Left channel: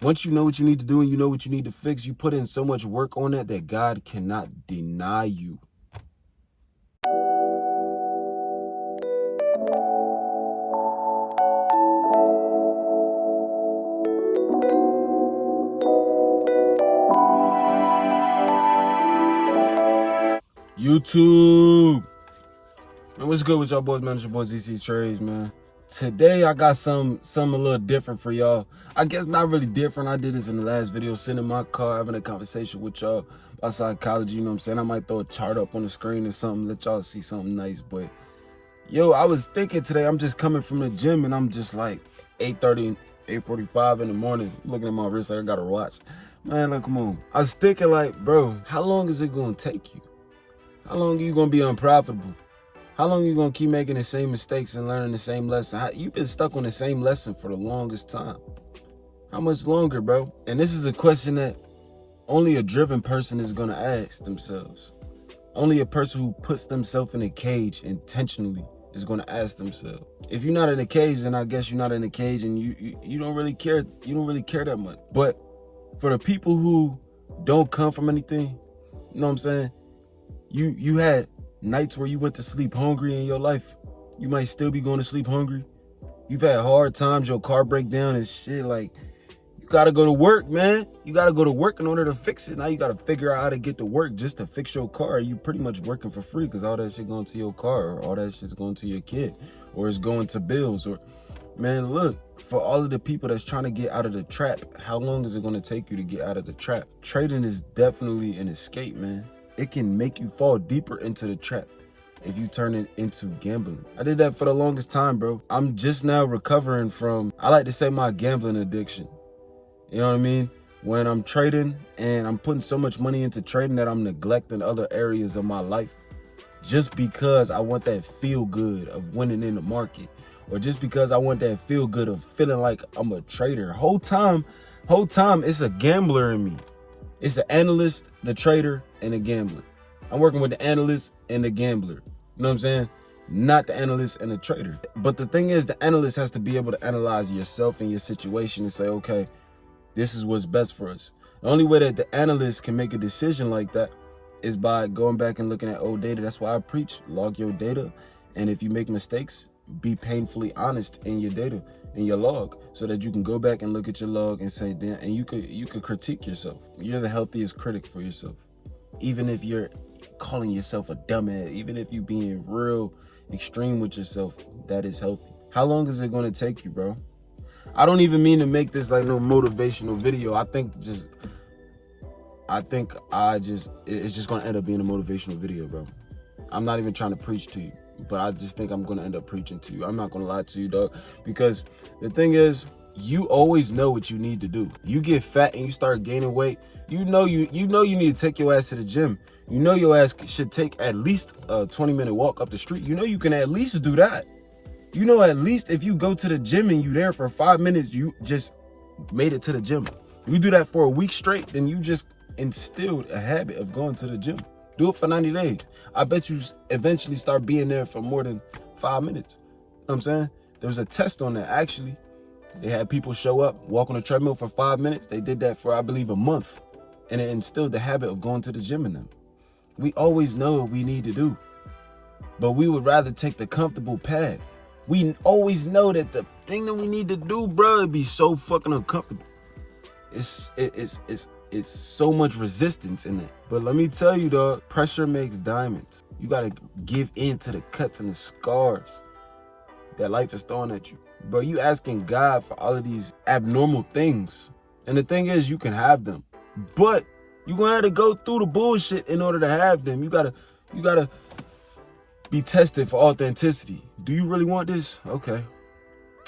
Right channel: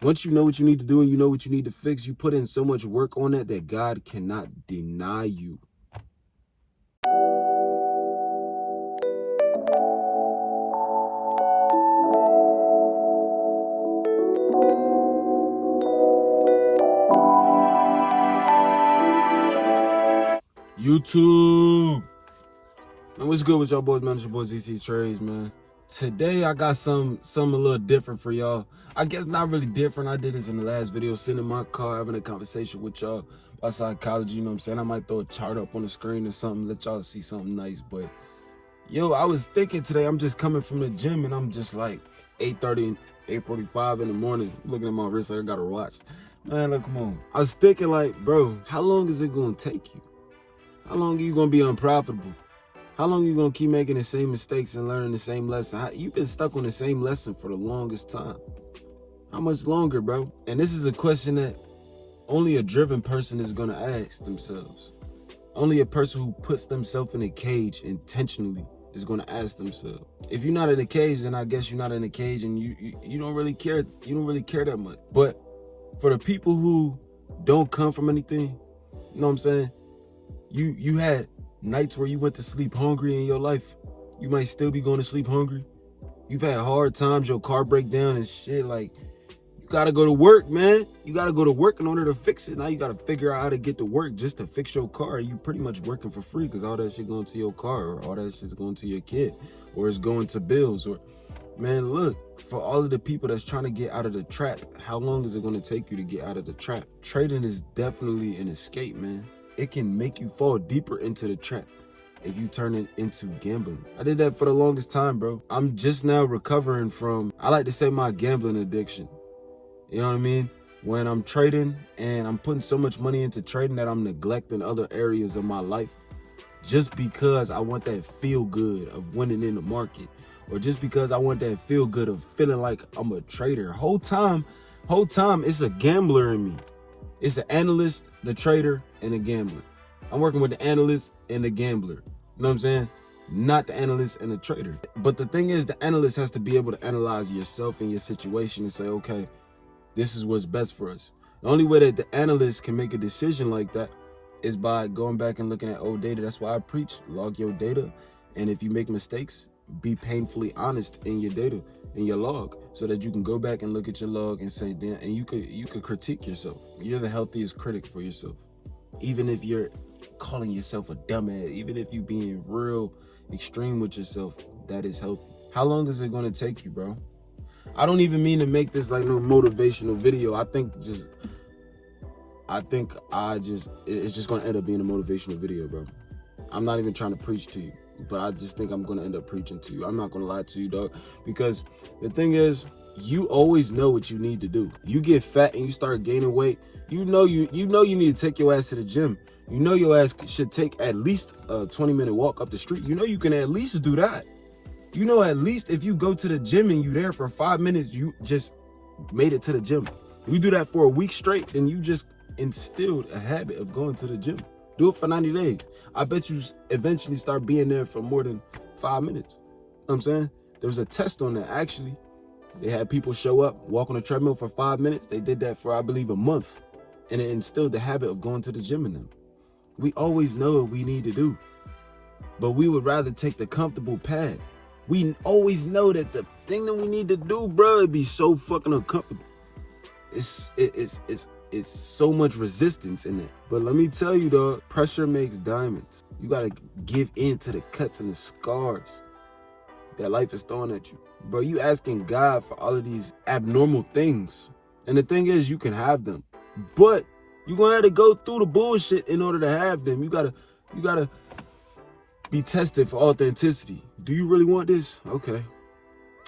Once you know what you need to do and you know what you need to fix, you put in so much work on it that God cannot deny you. YouTube. Man, what's good with y'all boys, man? It's your boy ZC Trades, man. Today I got some a little different for y'all. I guess not really different. I did this in the last video, sitting in my car having a conversation with y'all about psychology, you know what I'm saying? I might throw a chart up on the screen or something, let y'all see something nice. But yo, I was thinking today, I'm just coming from the gym and I'm just like 8:30, 8:45 in the morning, looking at my wrist like I got a watch. Man, look, come on. I was thinking like, bro, how long is it gonna take you? How long are you gonna be unprofitable? How long are you gonna keep making the same mistakes and learning the same lesson? You've been stuck on the same lesson for the longest time. How much longer, bro? And this is a question that only a driven person is gonna ask themselves. Only a person who puts themselves in a cage intentionally is gonna ask themselves. If you're not in a cage, then I guess you're not in a cage and you don't really care. You don't really care that much. But for the people who don't come from anything, you know what I'm saying? You had nights where you went to sleep hungry in your life. You might still be going to sleep hungry. You've had hard times, your car break down and shit. Like, you gotta go to work, man. You gotta go to work in order to fix it. Now you gotta figure out how to get to work just to fix your car. You pretty much working for free because all that shit going to your car, or all that shit's going to your kid, or it's going to bills. Or, man, look, for all of the people that's trying to get out of the trap, how long is it gonna take you to get out of the trap? Trading is definitely an escape, man. It can make you fall deeper into the trap if you turn it into gambling. I did that for the longest time, bro. I'm just now recovering from, I like to say, my gambling addiction. You know what I mean? When I'm trading and I'm putting so much money into trading that I'm neglecting other areas of my life just because I want that feel good of winning in the market, or just because I want that feel good of feeling like I'm a trader. Whole time, it's a gambler in me. It's the analyst, the trader, and the gambler. I'm working with the analyst and the gambler. You know what I'm saying? Not the analyst and the trader. But the thing is, the analyst has to be able to analyze yourself and your situation and say, okay, this is what's best for us. The only way that the analyst can make a decision like that is by going back and looking at old data. That's why I preach, log your data. And if you make mistakes, be painfully honest in your data, in your log, so that you can go back and look at your log and say, damn, and you could critique yourself. You're the healthiest critic for yourself. Even if you're calling yourself a dumbass, even if you being real extreme with yourself, that is healthy. How long is it gonna take you, bro? I don't even mean to make this like no motivational video. It's just gonna end up being a motivational video, bro. I'm not even trying to preach to you, but I just think I'm gonna end up preaching to you. I'm not gonna lie to you, dog, because the thing is, you always know what you need to do. You get fat and you start gaining weight, you know you need to take your ass to the gym. You know your ass should take at least a 20-minute walk up the street. You know you can at least do that. You know, at least if you go to the gym and you there for 5 minutes, you just made it to the gym. You do that for a week straight, then you just instilled a habit of going to the gym. Do it for 90 days. I bet you eventually start being there for more than 5 minutes. You know what I'm saying? There was a test on that, actually. They had people show up, walk on a treadmill for 5 minutes. They did that for, I believe, a month. And it instilled the habit of going to the gym in them. We always know what we need to do, but we would rather take the comfortable path. We always know that the thing that we need to do, bro, it'd be so fucking uncomfortable. It's so much resistance in it. But let me tell you, dog, pressure makes diamonds. You gotta give in to the cuts and the scars that life is throwing at you. Bro, you asking God for all of these abnormal things. And the thing is, you can have them, but you're gonna have to go through the bullshit in order to have them. You gotta be tested for authenticity. Do you really want this? Okay.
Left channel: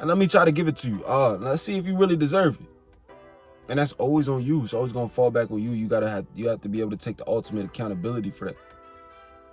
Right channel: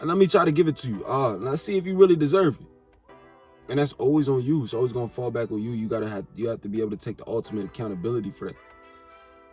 And let me try to give it to you. Let's see if you really deserve it. And that's always on you. It's always gonna fall back on you. You have to be able to take the ultimate accountability for that.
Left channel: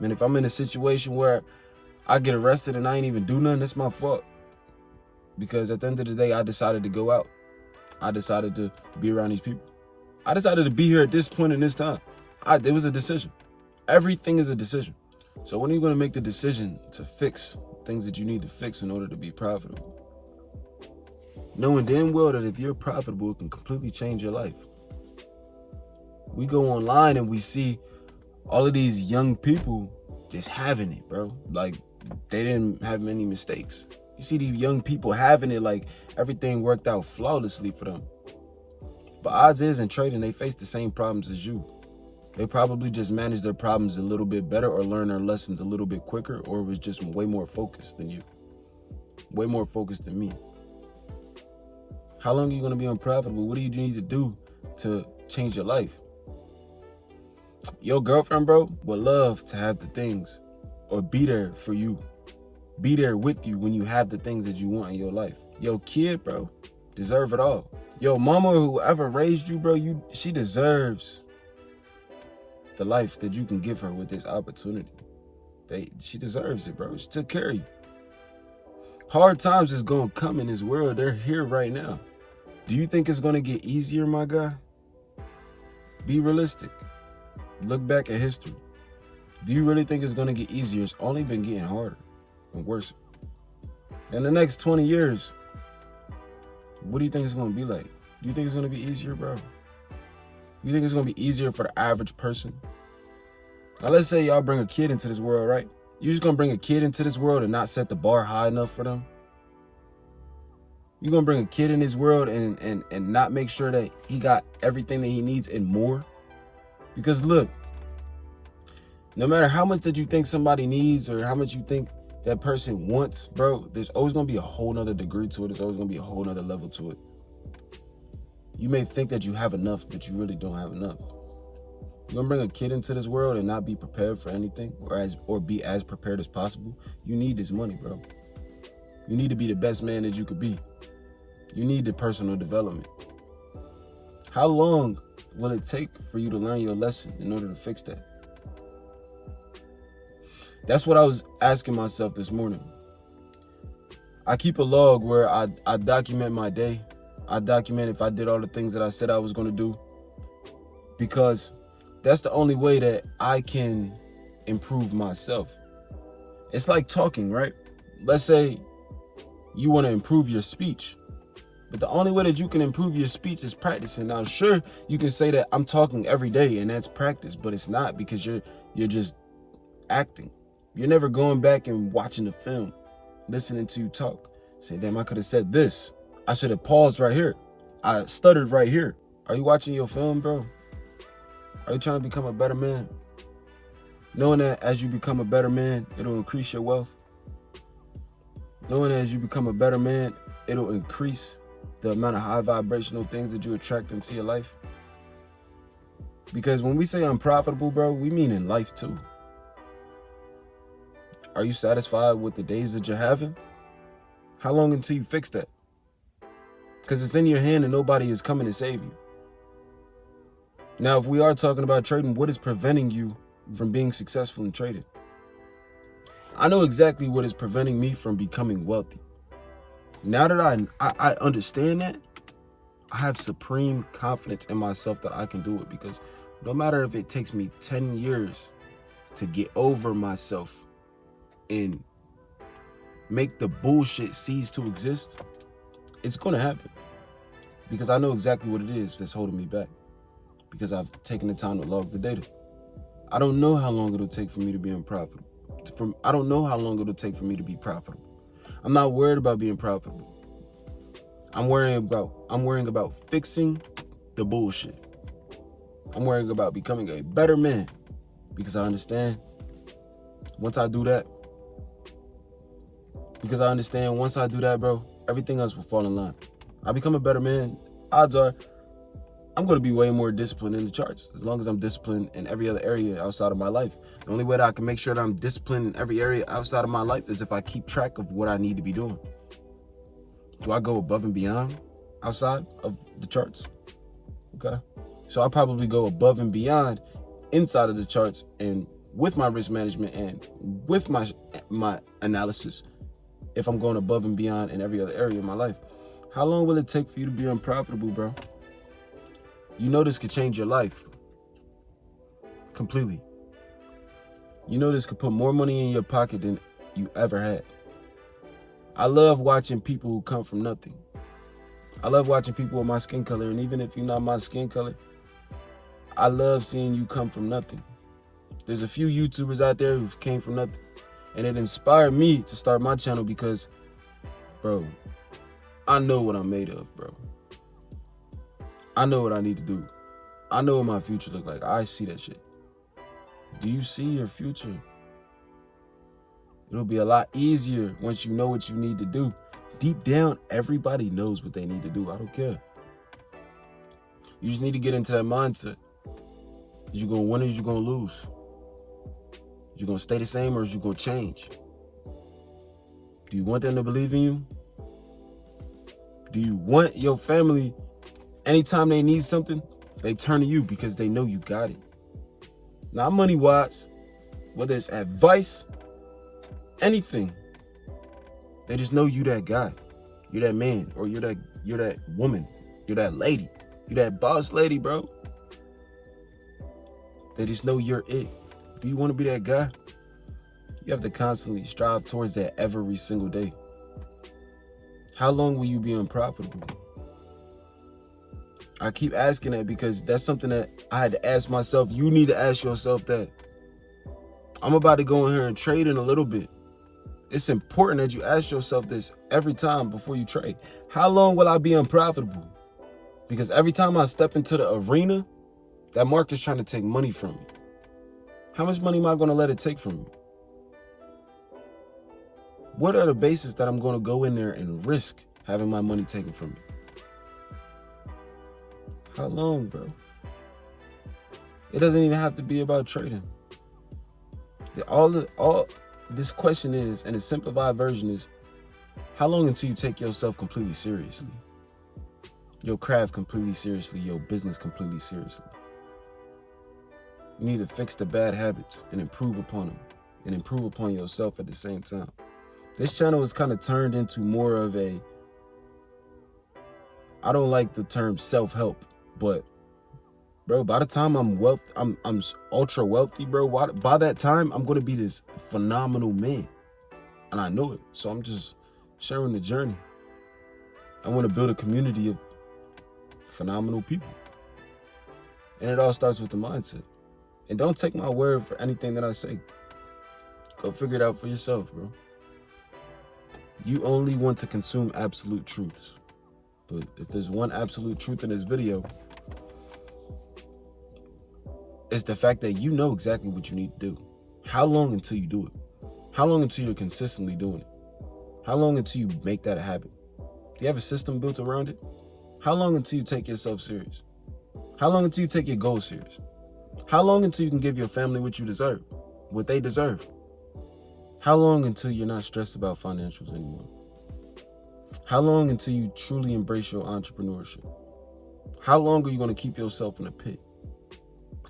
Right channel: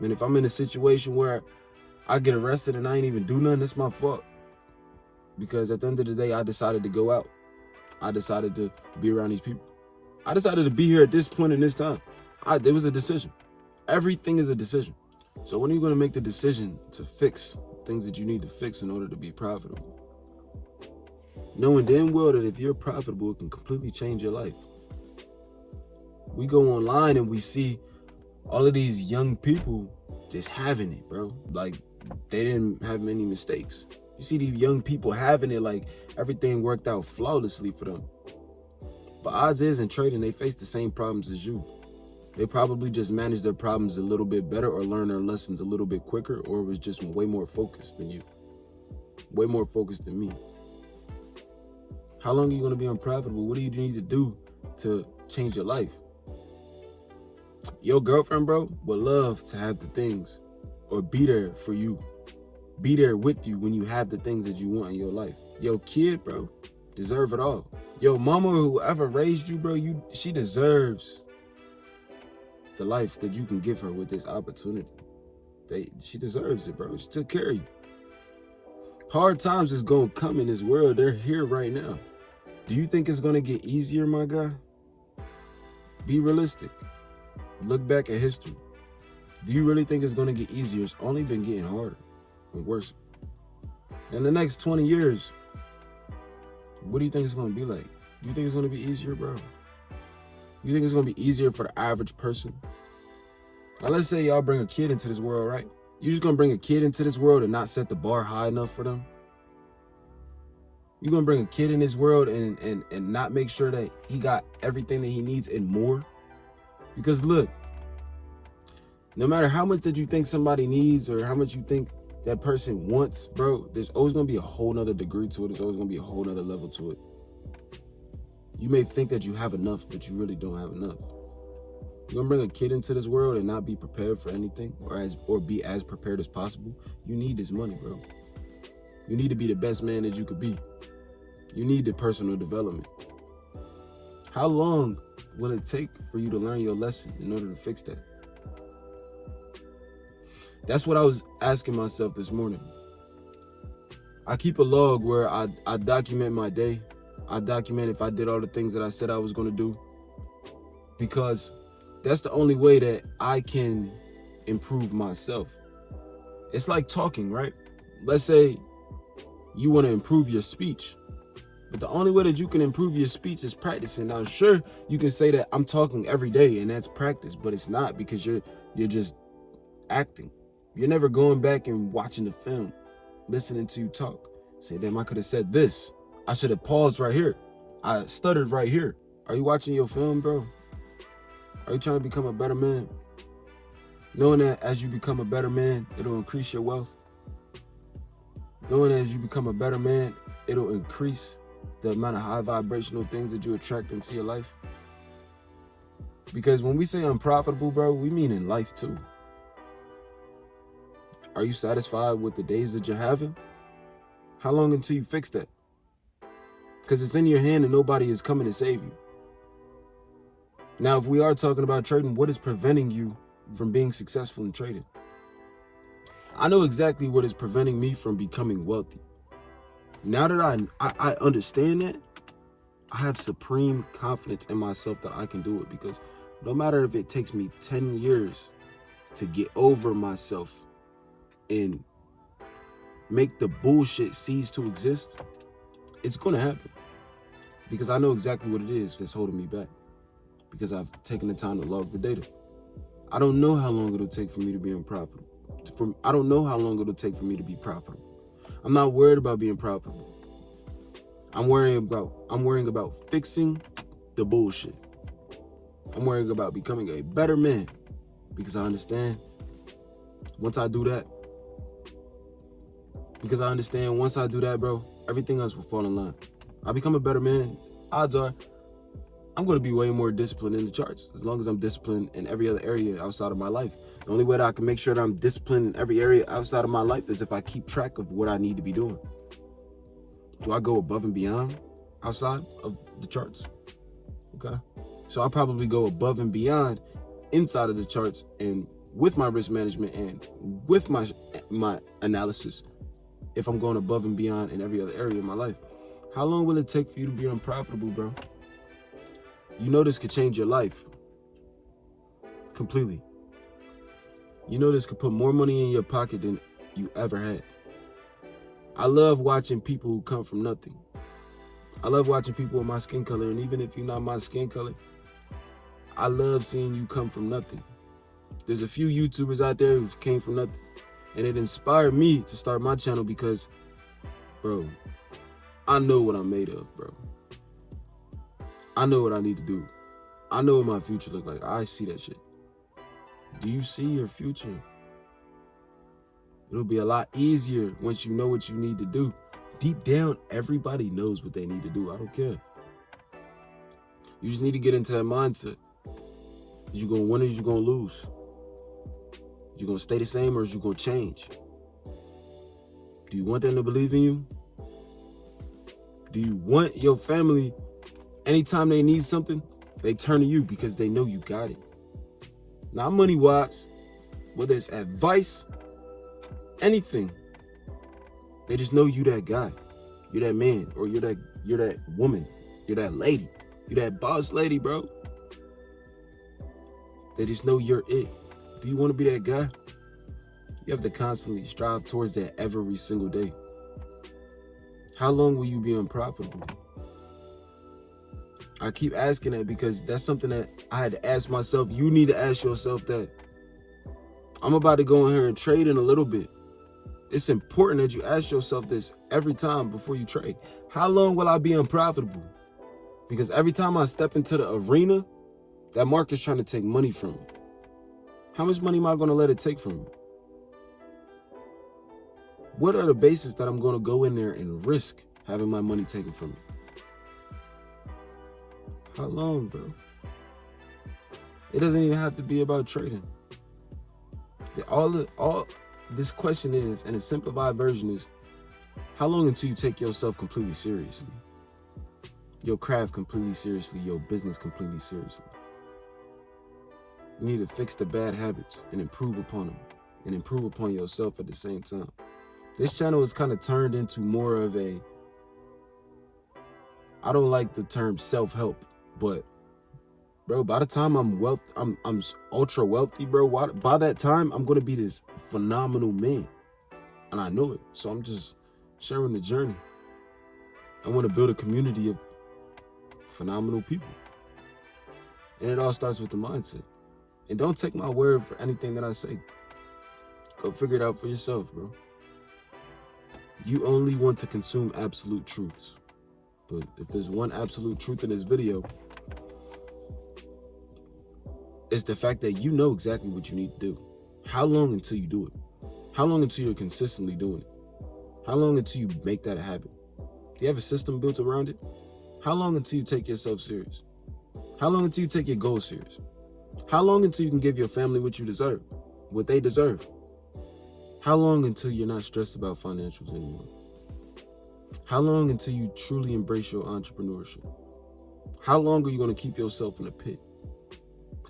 Man, if I'm in a situation where I get arrested and I ain't even do nothing, that's my fault. Because at the end of the day, I decided to go out. I decided to be around these people. I decided to be here at this point in this time. It was a decision. Everything is a decision. So when are you going to make the decision to fix things that you need to fix in order to be profitable? knowing damn well that if you're profitable, it can completely change your life. We go online and we see all of these young people just having it, bro. Like, they didn't have many mistakes. You see these young people having it like everything worked out flawlessly for them. But odds is in trading, they face the same problems as you. They probably just managed their problems a little bit better or learned their lessons a little bit quicker, or was just way more focused than you. Way more focused than me. How long are you going to be unprofitable? What do you need to do to change your life? Your girlfriend, bro, would love to have the things or be there for you. Be there with you when you have the things that you want in your life. Your kid, bro, deserve it all. Your mama or whoever raised you, bro, she deserves the life that you can give her with this opportunity. She deserves it, bro. She took care of you. Hard times is going to come in this world. They're here right now. Do you think it's going to get easier, my guy? Be realistic. Look back at history. Do you really think it's going to get easier? It's only been getting harder and worse. In the next 20 years, what do you think it's going to be like? Do you think it's going to be easier, bro? Do you think it's going to be easier for the average person? Now, let's say y'all bring a kid into this world, right? You're just going to bring a kid into this world and not set the bar high enough for them? You're going to bring a kid in this world and not make sure that he got everything that he needs and more? Because look, no matter how much that you think somebody needs or how much you think that person wants, bro, there's always going to be a whole nother degree to it. There's always going to be a whole nother level to it. You may think that you have enough, but you really don't have enough. You're going to bring a kid into this world and not be prepared for anything or be as prepared as possible. You need this money, bro. You need to be the best man that you could be. You need the personal development. How long will it take for you to learn your lesson in order to fix that? That's what I was asking myself this morning. I keep a log where I document my day. I document if I did all the things that I said I was going to do, because that's the only way that I can improve myself. It's like talking, right? Let's say you want to improve your speech, but the only way that you can improve your speech is practicing. Now, sure, you can say that I'm talking every day and that's practice, but it's not, because you're just acting. You're never going back and watching the film, listening to you talk. Say, damn, I could have said this. I should have paused right here. I stuttered right here. Are you watching your film, bro? Are you trying to become a better man? Knowing that as you become a better man, it'll increase your wealth. Knowing that as you become a better man, it'll increase the amount of high vibrational things that you attract into your life. Because when we say unprofitable, bro, we mean in life too. Are you satisfied with the days that you're having? How long until you fix that? Because it's in your hand and nobody is coming to save you. Now, if we are talking about trading, what is preventing you from being successful in trading? I know exactly what is preventing me from becoming wealthy. Now that I understand that, I have supreme confidence in myself that I can do it, because no matter if it takes me 10 years to get over myself and make the bullshit cease to exist, it's going to happen, because I know exactly what it is that's holding me back, because I've taken the time to log the data. I don't know how long it'll take for me to be unprofitable. I don't know how long it'll take for me to be profitable. I'm not worried about being profitable. I'm worrying about fixing the bullshit. I'm worrying about becoming a better man, because I understand once I do that, bro, everything else will fall in line. I become a better man, odds are I'm going to be way more disciplined in the charts, as long as I'm disciplined in every other area outside of my life. The only way that I can make sure that I'm disciplined in every area outside of my life is if I keep track of what I need to be doing. Do I go above and beyond outside of the charts? Okay. So I'll probably go above and beyond inside of the charts, and with my risk management and with my analysis, if I'm going above and beyond in every other area of my life. How long will it take for you to be unprofitable, bro? You know this could change your life completely. You know this could put more money in your pocket than you ever had. I love watching people who come from nothing. I love watching people with my skin color, and even if you're not my skin color, I love seeing you come from nothing. There's a few YouTubers out there who came from nothing, and it inspired me to start my channel because, bro, I know what I'm made of, bro. I know what I need to do. I know what my future look like. I see that shit. Do you see your future? It'll be a lot easier once you know what you need to do. Deep down, everybody knows what they need to do. I don't care. You just need to get into that mindset. Is you gonna win or is you gonna lose? You gonna stay the same or is you gonna change? Do you want them to believe in you? Do you want your family, anytime they need something, they turn to you because they know you got it? Not money-wise, whether it's advice, anything. They just know you that guy. You're that man, or you're that woman. You're that lady. You're that boss lady, bro. They just know you're it. Do you want to be that guy? You have to constantly strive towards that every single day. How long will you be unprofitable? I keep asking that because that's something that I had to ask myself. You need to ask yourself that. I'm about to go in here and trade in a little bit. It's important that you ask yourself this every time before you trade. How long will I be unprofitable? Because every time I step into the arena, that market's trying to take money from me. How much money am I going to let it take from me? What are the bases that I'm going to go in there and risk having my money taken from me? How long, bro? It doesn't even have to be about trading. All this question is, and the simplified version is, how long until you take yourself completely seriously? Your craft completely seriously, your business completely seriously. You need to fix the bad habits and improve upon them, and improve upon yourself at the same time. This channel is kind of turned into more of a, I don't like the term self-help, but bro, by the time I'm ultra wealthy, bro, by that time, I'm going to be this phenomenal man. And I know it. So I'm just sharing the journey. I want to build a community of phenomenal people. And it all starts with the mindset. And don't take my word for anything that I say. Go figure it out for yourself, bro. You only want to consume absolute truths. But if there's one absolute truth in this video, it's the fact that you know exactly what you need to do. How long until you do it? How long until you're consistently doing it? How long until you make that a habit? Do you have a system built around it? How long until you take yourself serious? How long until you take your goals serious? How long until you can give your family what you deserve, what they deserve? How long until you're not stressed about financials anymore? How long until you truly embrace your entrepreneurship? How long are you going to keep yourself in a pit?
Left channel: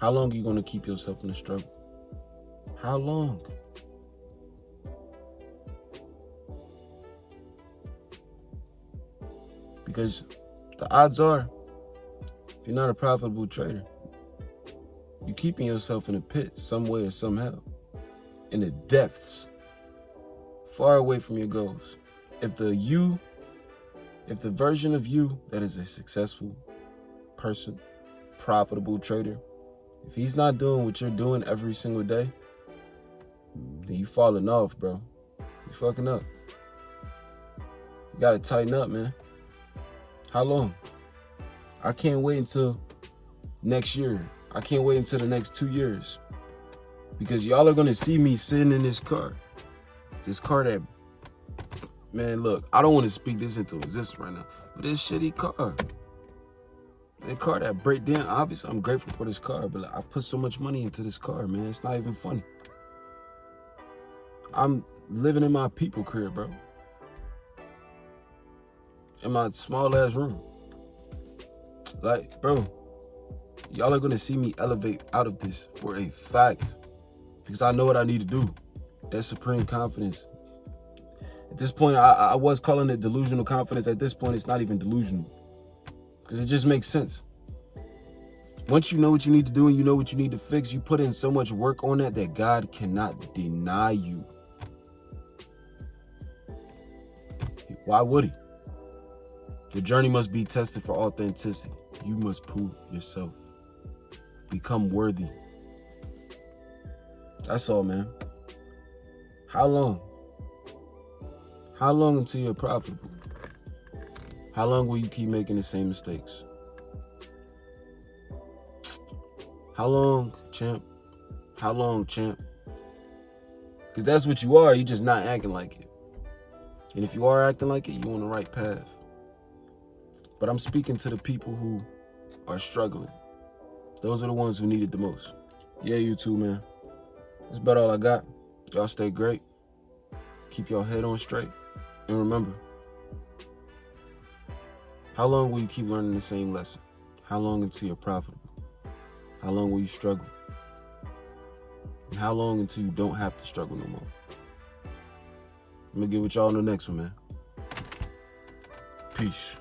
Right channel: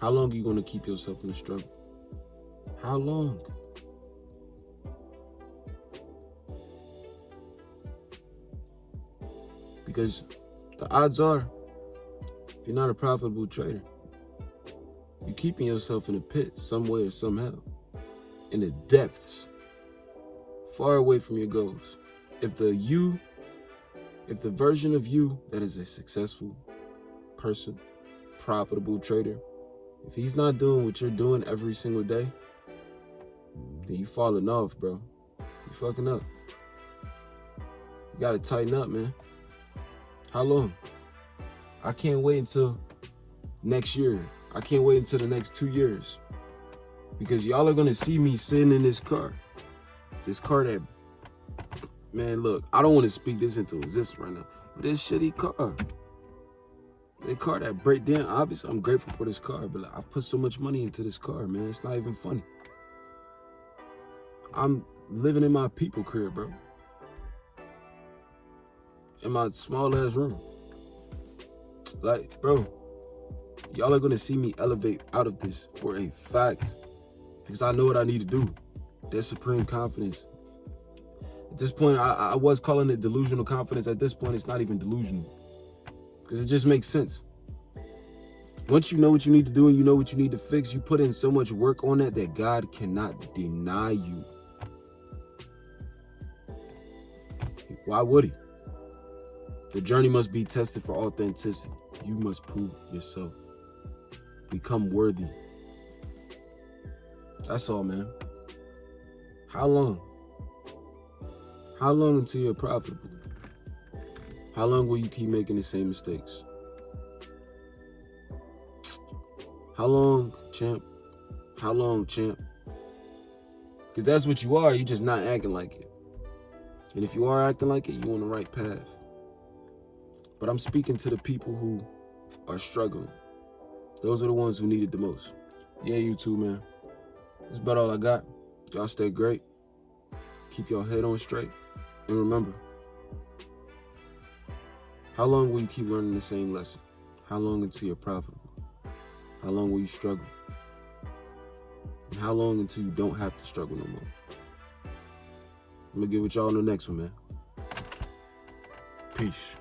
How long are you going to keep yourself in a struggle? How long? Because the odds are, if you're not a profitable trader, you're keeping yourself in a pit some way or somehow, in the depths, far away from your goals. If the version of you that is a successful person, profitable trader, if he's not doing what you're doing every single day, then you falling off, bro. You fucking up. You gotta tighten up, man. How long? I can't wait until next year. I can't wait until the next 2 years. Because y'all are gonna see me sitting in this car. This car that, man, look, I don't want to speak this into existence right now, but this shitty car. The car that break down, obviously I'm grateful for this car, but I put so much money into this car, man. It's not even funny. I'm living in my people crib, bro. In my small ass room. Like, bro, y'all are gonna see me elevate out of this for a fact. Because I know what I need to do. That's supreme confidence. At this point, I was calling it delusional confidence. At this point, it's not even delusional. Because it just makes sense. Once you know what you need to do and you know what you need to fix, you put in so much work on that God cannot deny you. Why would he? The journey must be tested for authenticity. You must prove yourself. Become worthy. That's all, man. How long? How long until you're profitable? How long will you keep making the same mistakes? How long, champ? How long, champ? Because that's what you are. You're just not acting like it. And if you are acting like it, you're on the right path. But I'm speaking to the people who are struggling. Those are the ones who need it the most. Yeah, you too, man. That's about all I got. Y'all stay great. Keep your head on straight. And remember, how long will you keep learning the same lesson? How long until you're profitable? How long will you struggle? And how long until you don't have to struggle no more? I'm gonna get with y'all on the next one, man. Peace.